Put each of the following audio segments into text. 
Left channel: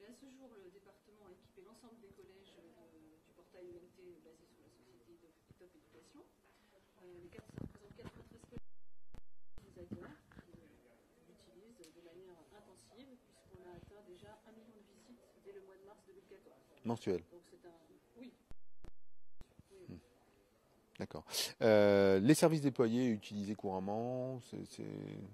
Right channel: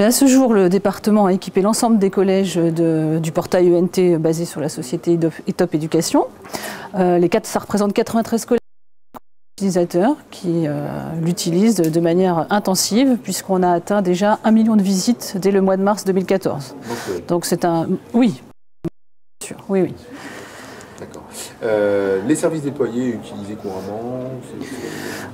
Mais à ce jour, le département a équipé l'ensemble des collèges du portail ENT basé sur la société ETOP Éducation. Ça représente 93 collèges utilisateurs qui l'utilisent de manière intensive, puisqu'on a atteint déjà 1 million de visites dès le mois de mars 2014. Donc c'est un... Oui, bien sûr, oui, oui. D'accord. Les services déployés utilisés couramment?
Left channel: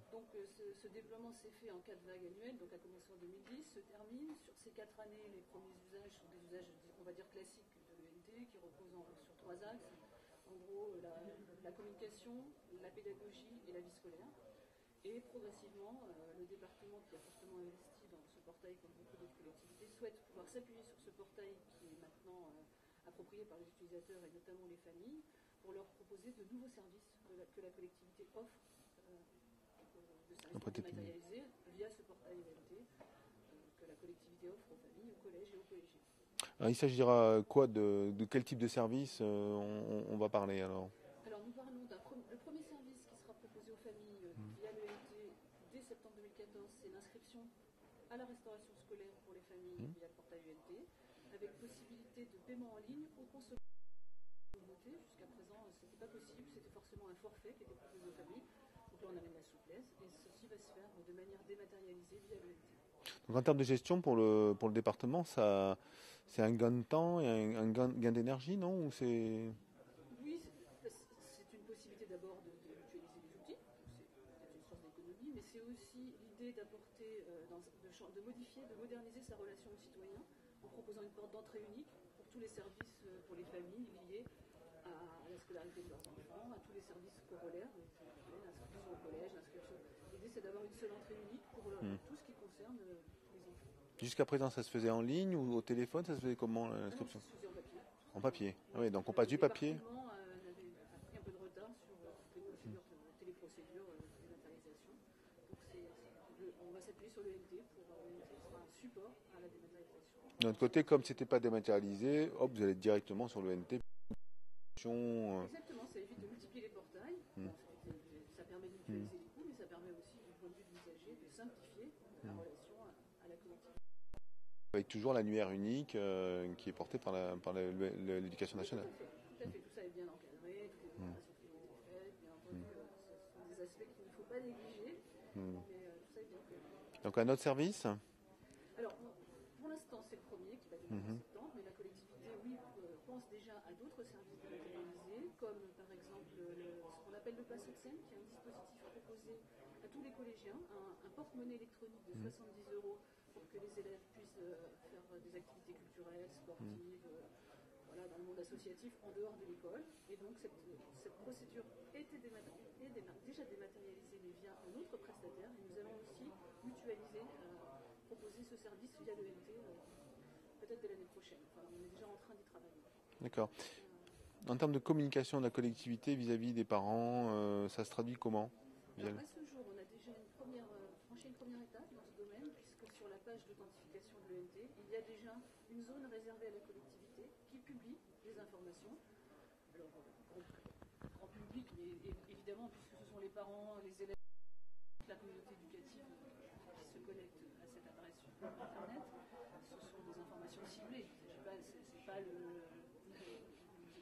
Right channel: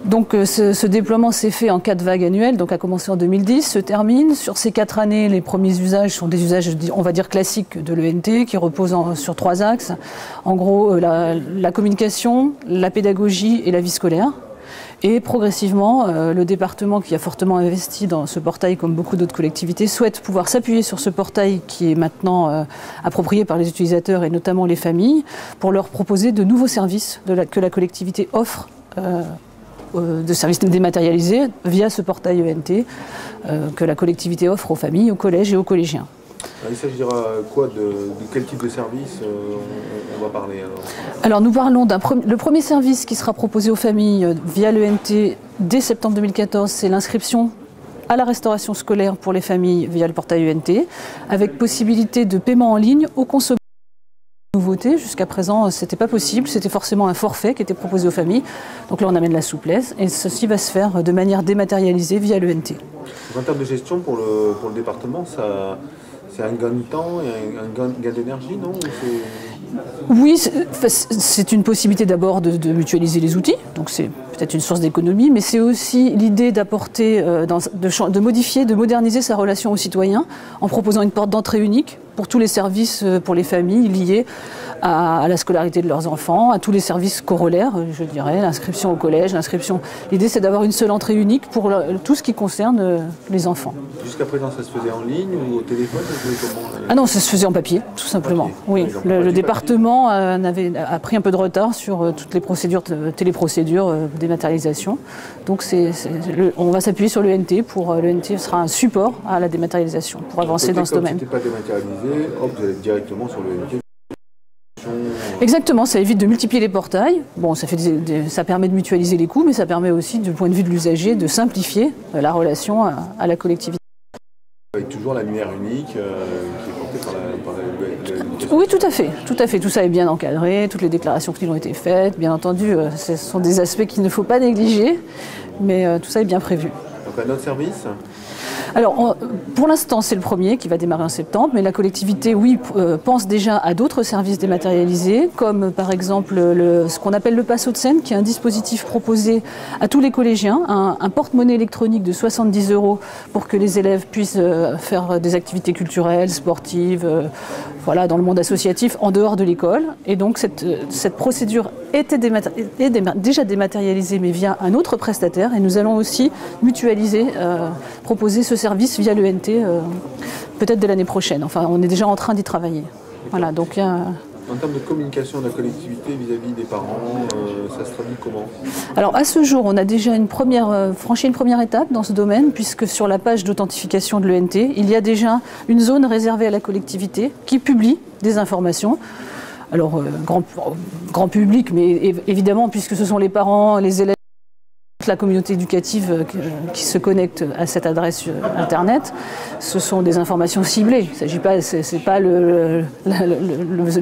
Donc ce déploiement s'est fait en 4 vagues annuelles, donc a commencé en 2010, se termine. Sur ces 4 années, les premiers usages sont des usages, on va dire, classiques de l'ENT, qui reposent sur 3 axes. En gros, la communication, la pédagogie et la vie scolaire. Et progressivement, le département, qui a fortement investi dans ce portail, comme beaucoup d'autres collectivités, souhaite pouvoir s'appuyer sur ce portail qui est maintenant approprié par les utilisateurs et notamment les familles, pour leur proposer de nouveaux services que la collectivité offre, de services dématérialisés via ce portail ENT que la collectivité offre aux familles, aux collèges et aux collégiens. Il s'agira quoi de quel type de service on va parler alors nous parlons le premier service qui sera proposé aux familles via l'ENT dès septembre 2014, c'est l'inscription à la restauration scolaire pour les familles via le portail ENT, avec possibilité de paiement en ligne aux consommateurs. Nouveauté, jusqu'à présent, ce n'était pas possible, c'était forcément un forfait qui était proposé aux familles. Donc là, on amène la souplesse et ceci va se faire de manière dématérialisée via l'ENT. En termes de gestion pour le département, c'est un gain de temps et un gain d'énergie, non? Oui, c'est une possibilité d'abord de mutualiser les outils, donc c'est peut-être une source d'économie, mais c'est aussi l'idée d'apporter, de modifier, de moderniser sa relation aux citoyens en proposant une porte d'entrée unique pour tous les services pour les familles liés à la scolarité de leurs enfants, à tous les services corollaires, je dirais, l'inscription au collège, l'inscription. L'idée, c'est d'avoir une seule entrée unique pour tout ce qui concerne les enfants. Jusqu'à présent, ça se faisait en ligne ou au téléphone? Ah non, ça se faisait en papier, tout simplement. Oui, le département a pris un peu de retard sur toutes les procédures, téléprocédures, dématérialisation. Donc on va s'appuyer sur l'ENT. L'ENT sera un support à la dématérialisation pour avancer dans ce domaine. Si ce n'était pas dématérialisé, hop, vous allez directement sur l'ENT. Exactement, ça évite de multiplier les portails. Bon, ça permet de mutualiser les coûts, mais ça permet aussi, du point de vue de l'usager, de simplifier la relation à la collectivité. Avec toujours l'annuaire unique qui est porté par la... Oui, tout à fait. Tout ça est bien encadré, toutes les déclarations qui ont été faites. Bien entendu, ce sont des aspects qu'il ne faut pas négliger, mais tout ça est bien prévu. Donc un autre service ? Alors, pour l'instant, c'est le premier qui va démarrer en septembre, mais la collectivité, oui, pense déjà à d'autres services dématérialisés, comme par exemple ce qu'on appelle le Passo de Seine, qui est un dispositif proposé à tous les collégiens, un porte-monnaie électronique de 70 € pour que les élèves puissent faire des activités culturelles, sportives, voilà, dans le monde associatif, en dehors de l'école. Et donc, cette procédure est déjà dématérialisée, mais via un autre prestataire, et nous allons aussi mutualiser, proposer ce service via l'ENT, peut-être dès l'année prochaine. Enfin, on est déjà en train d'y travailler. Voilà, donc, en termes de communication de la collectivité vis-à-vis des parents, ça se traduit comment? Alors à ce jour, on a déjà franchi une première étape dans ce domaine, puisque sur la page d'authentification de l'ENT, il y a déjà une zone réservée à la collectivité qui publie des informations. Alors grand public, mais évidemment, puisque ce sont les parents, les élèves, la communauté éducative qui se connecte à cette adresse internet, ce sont des informations ciblées. Il ne s'agit pas, c'est pas le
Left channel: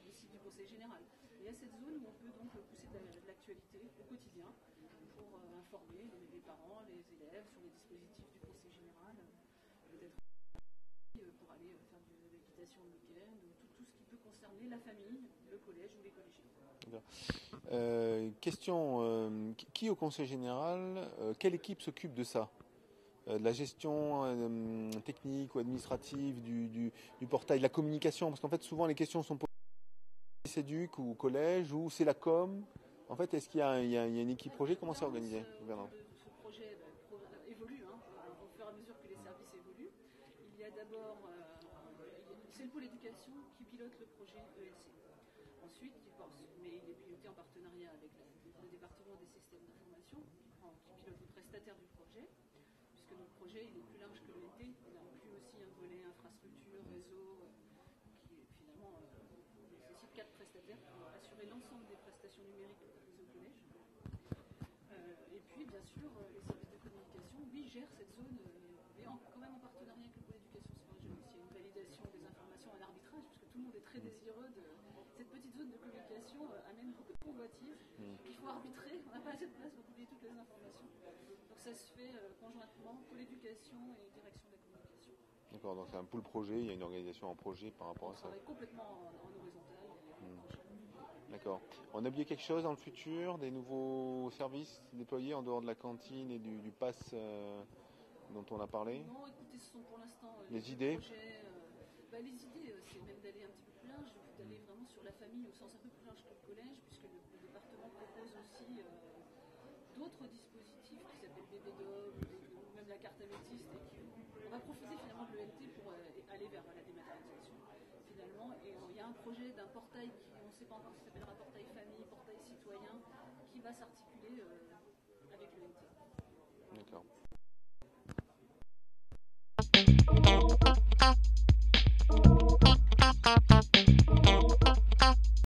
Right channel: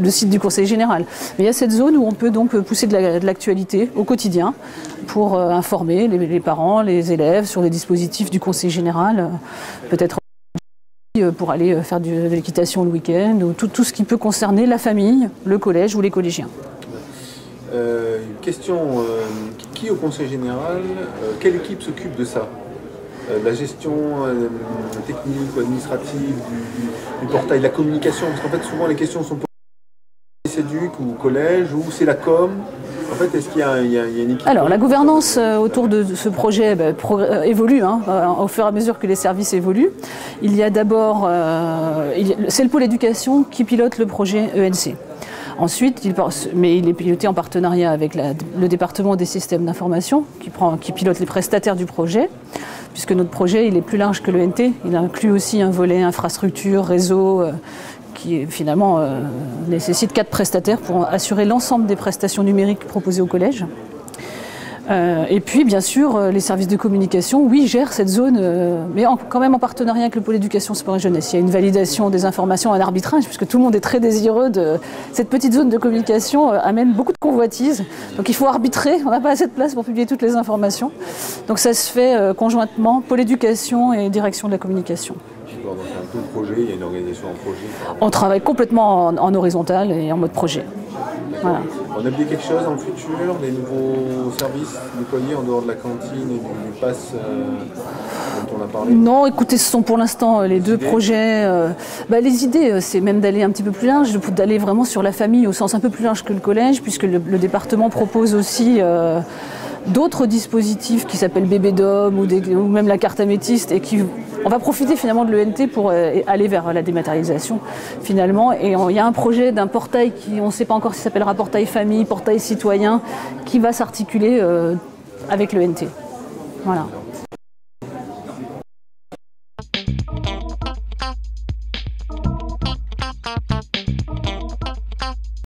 site du Conseil général. Mais il y a cette zone où on peut donc pousser de l'actualité au quotidien pour informer les parents, les élèves sur les dispositifs du Conseil général, peut-être pour aller faire de l'équitation le week-end, ou tout ce qui peut concerner la famille, le collège ou les collégiens. Question, qui au Conseil général, quelle équipe s'occupe de ça? La gestion technique ou administrative du portail, la communication? Parce qu'en fait, souvent les questions sont posées CEDUC ou collège, ou c'est la com? En fait, est-ce qu'il y a une équipe? Alors, la gouvernance autour de ce projet évolue, au fur et à mesure que les services évoluent. Il y a d'abord, c'est le pôle éducation qui pilote le projet ENC. Ensuite, il est piloté en partenariat avec le département des systèmes d'information qui pilote les prestataires du projet, puisque notre projet il est plus large que l'ENT. Il inclut aussi un volet infrastructure, réseau, qui finalement nécessite 4 prestataires pour assurer l'ensemble des prestations numériques proposées au collège. Et puis, bien sûr, les services de communication, oui, gèrent cette zone, mais quand même en partenariat avec le pôle éducation, sport et jeunesse. Il y a une validation des informations, un arbitrage, puisque tout le monde est très désireux de cette petite zone de communication, amène beaucoup de convoitises. Donc il faut arbitrer, on n'a pas assez de place pour publier toutes les informations. Donc ça se fait conjointement, pôle éducation et direction de la communication. Donc c'est un peu le projet, il y a une organisation en projet. On travaille complètement en horizontal et en mode projet. Voilà. On a oublié quelque chose dans le futur, des nouveaux services déployés en dehors de la cantine et du pass dont on a parlé? Non, écoutez, ce sont pour l'instant les deux projets. Les idées, c'est même d'aller un petit peu plus large, d'aller vraiment sur la famille au sens un peu plus large que le collège, puisque le département propose aussi d'autres dispositifs qui s'appellent Bébé Dom ou même la carte améthyste, et on va profiter finalement de l'ENT pour aller vers la dématérialisation finalement. Et il y a un projet d'un portail on ne sait pas encore s'il s'appellera portail famille, portail citoyen, qui va s'articuler avec l'ENT. Voilà.